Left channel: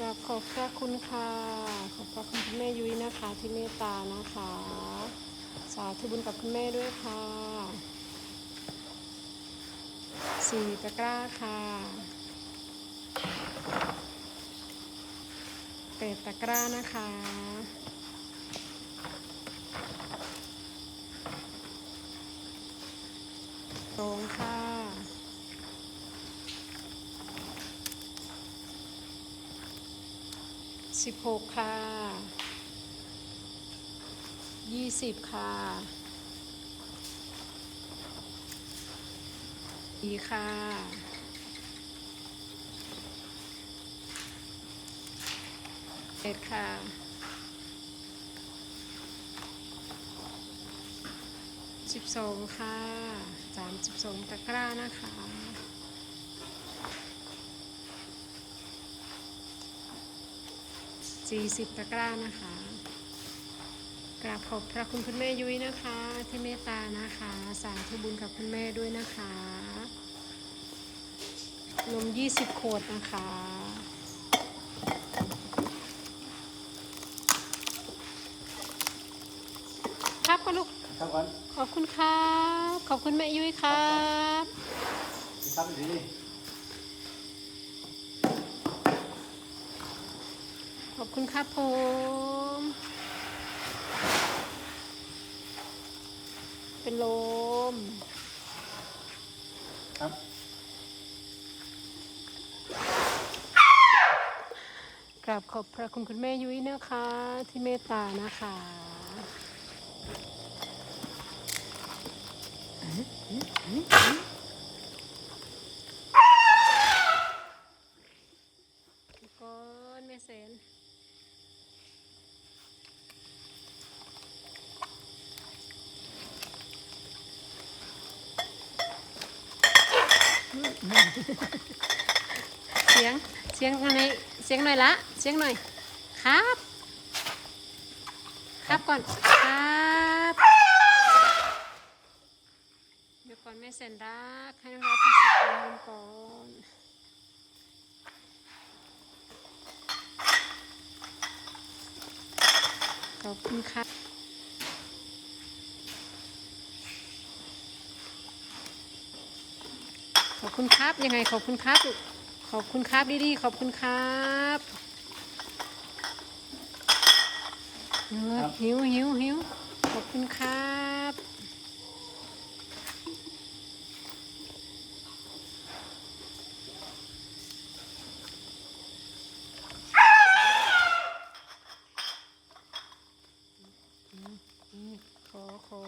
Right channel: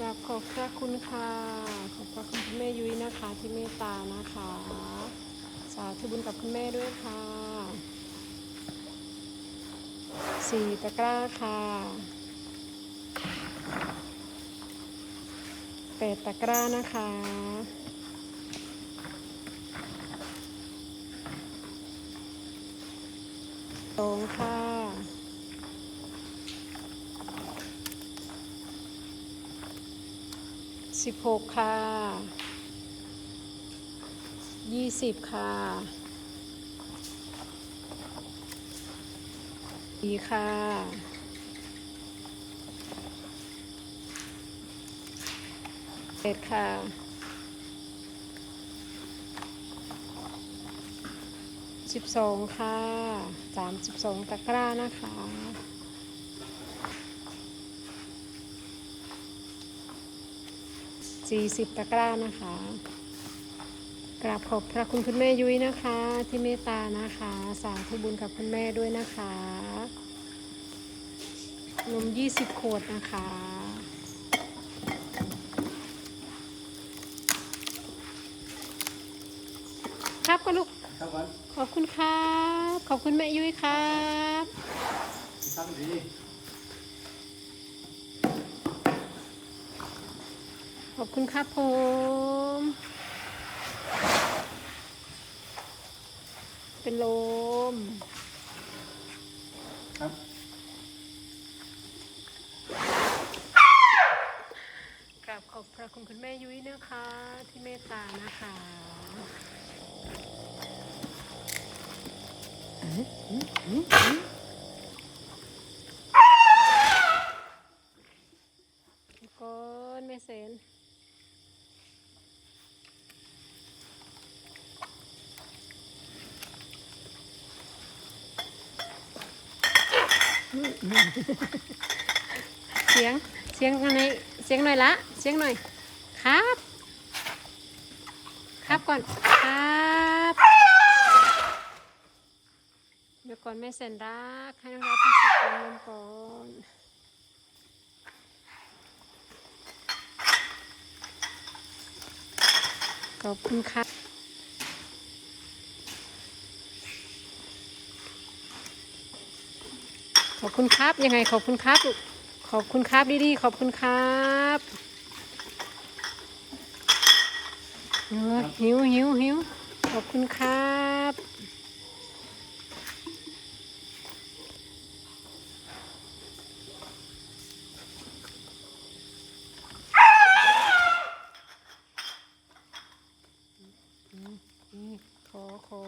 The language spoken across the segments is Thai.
กราบขอบพระคุณค่ะ ขอบพระคุณคุณแม่ยุ้ยนะคะ ที่เมตตานะคะ สาธุบุญกับคุณแม่ด้วยค่ะสี่ตะกร้าค่ะแปดตะกร้านะคะสองค่ะ สิบหกค่ะยี่สิบค่ะดีค่ะเอ็ดค่ะสิบสองค่ะสามสิบสองตะกร้านะคะ สี่สิบตะกร้านะคะ กราบขอบพระคุณคุณแม่ยุ้ยนะคะ ที่เมตตานะคะ สาธุบุญกับคุณแม่ด้วยนะคะ นมยี่สิบขวดนะคะครับก็ลูกตั้งก่อนขอบคุณครับ ขอบคุณแม่ยุ้ยครับ ตั้งดี ขอบคุณครับผมเป็นลมครับกราบขอบพระคุณคุณแม่ยุ้ยนะคะ ที่เมตตานะคะก่อนแม่เซน เสียงเสียงอะไรเสียงหน่อยละ เสียงหน่อย ครับ ครับก่อน ครับเดี๋ยวก่อนแม่เซนรักให้น้องรับพัสดุนมก่อนขอบคุณครั ขอบคุณครับยังไงขอบคุณครับลูกขอบคุณครับดีๆขอบคุณครับหิวหิวหิวขอบคุณครับอืมอืมขอขอ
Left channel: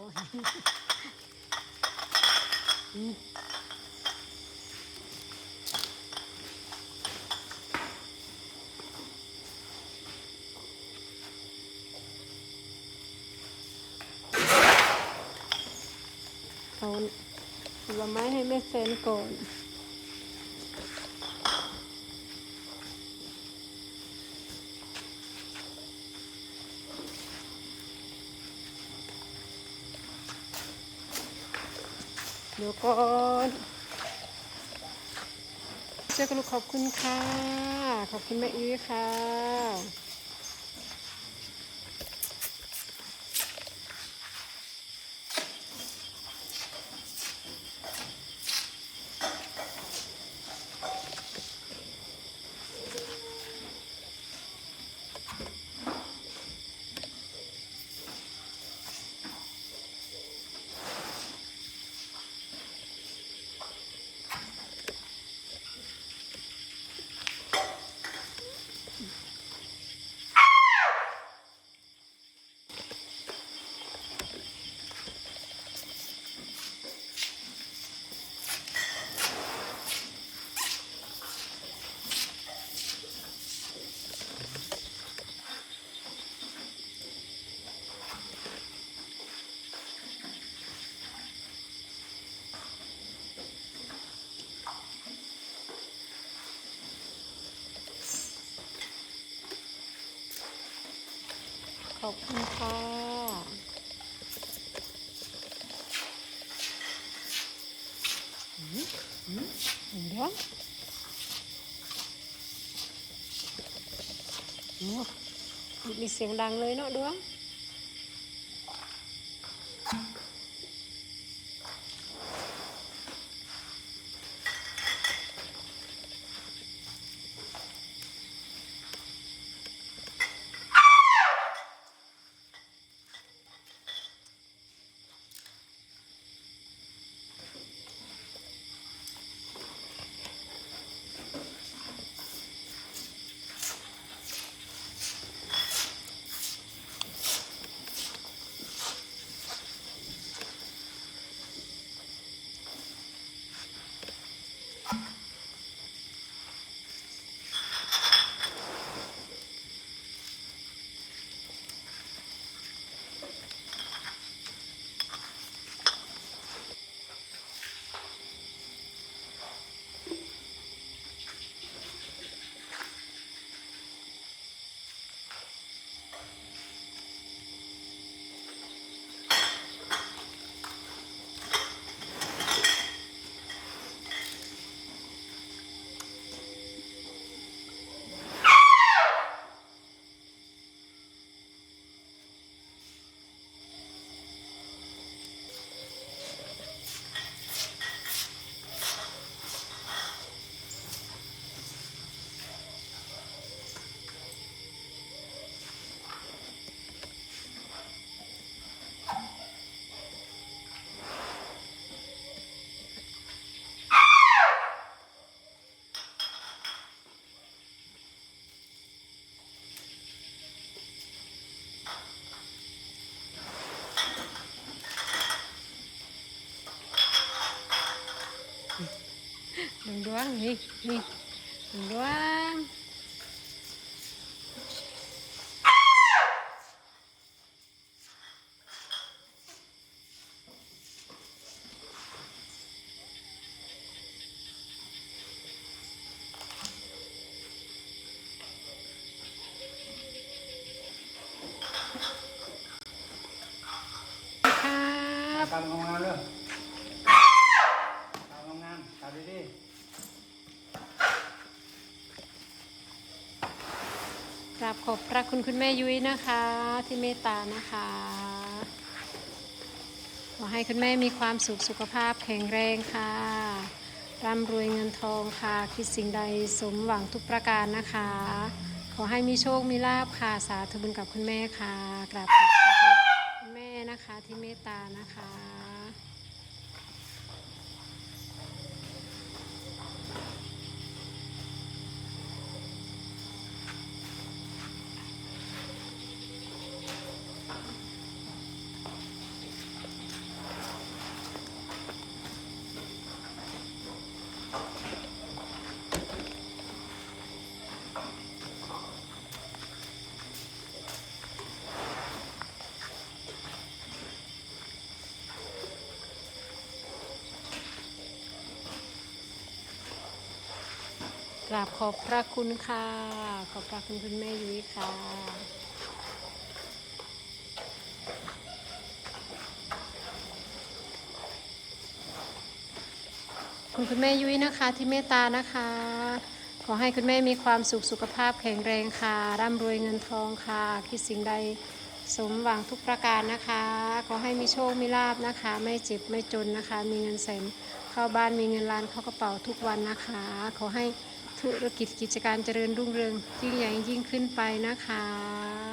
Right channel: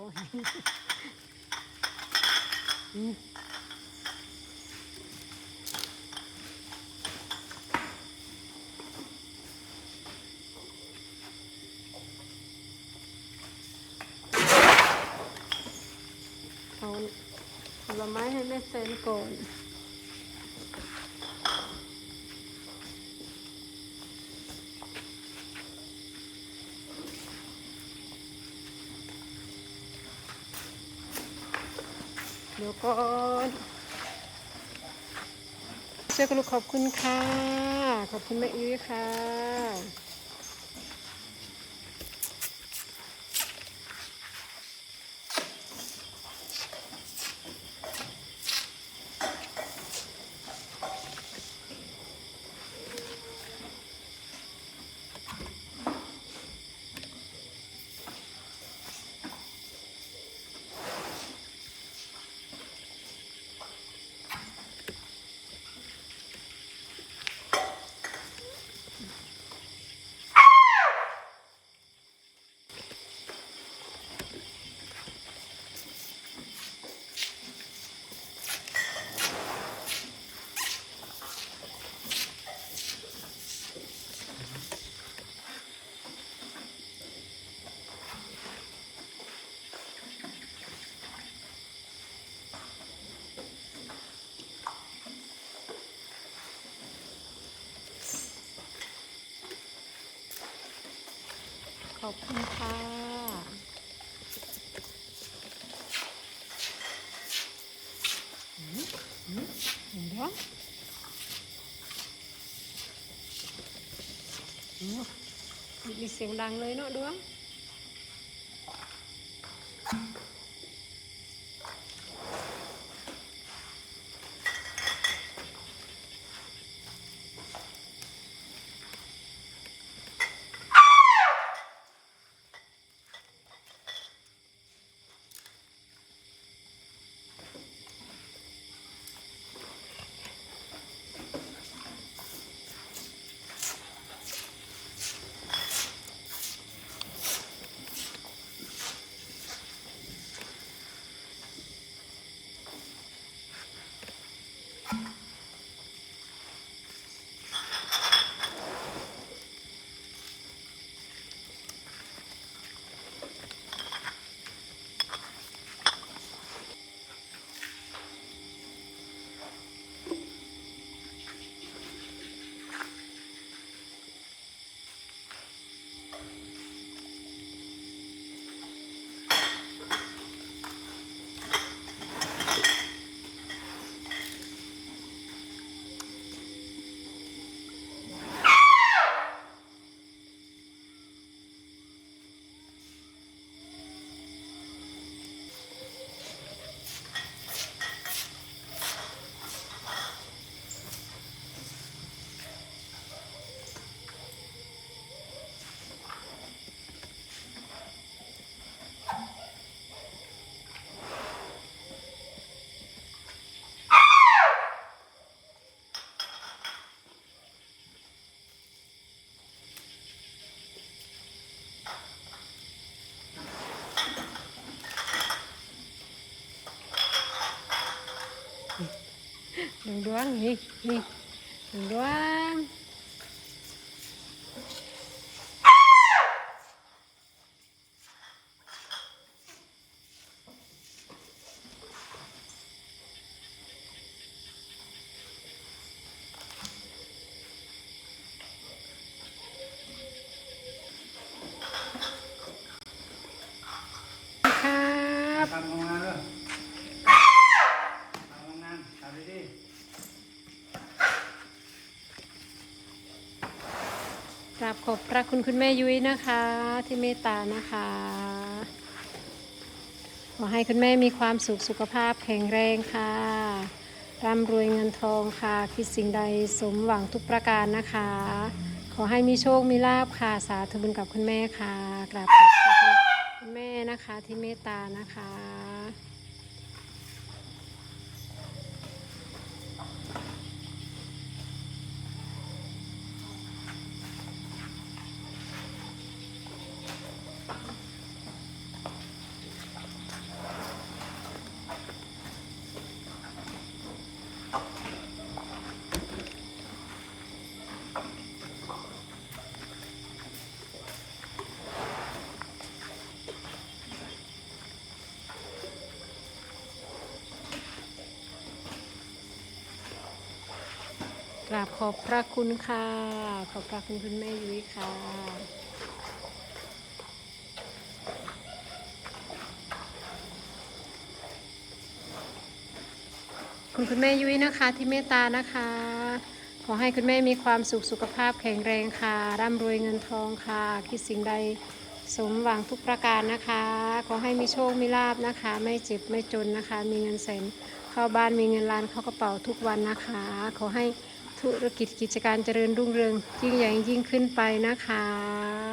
อืมเอา ผลไม้ให้แม่เซนก่อนเดี๋ยวก่อนเสื้อกลูกขอบคุณค่ะ ขอบคุณแม่ยุ้ยค่ะ อบคุณค่ะอืมอืมเห็นด้วยอืมีเสียงดังเลยเนาะดวง ดวงดวงนี่นี่ดวงดวง ครับ ทำงานเลยทำงานทำดี ก ราบขอบพระคุณคุณแม่ยุ้ยนะคะ ที่เมตตานะคะ ขอให้คุณแม่มีความสุขสุขภาพแข็งแรงค่ะร่ำรวยเงินทองค่ะ คิดสิ่งใดสมหวังทุกประการนะคะ ขอให้มีโชคมีลาบค่ะ สาธุบุญกับคุณแม่ค่ะ กราบขอบพระคุณคุณแม่นะคะที่เมตตานะคะ ก ราบขอบพระคุณค่ะ ขอบพระคุณคุณแม่ยุ้ยค่ะ คุณคุณแม่ยุ้ยนะคะที่เมตตานะคะ ขอให้คุณแม่มีความสุขสุขภาพแข็งแรงค่ะ ร่ำรวยเงินทองค่ะ คิดสิ่งใดสมหวังทุกประการนะคะ ขอให้มีโชค มีลาบนะคะ ไม่เจ็บ ไม่จนนะคะ มีเงินแสนเข้าบ้านมีเงินล้านเข้ากระเป๋าทุกวันนะคะ ขอให้ ธุรกิจกิจการเจริญรุ่งเรืองยิ่งใหญ่ยิ่งขึ้นไปนะคะ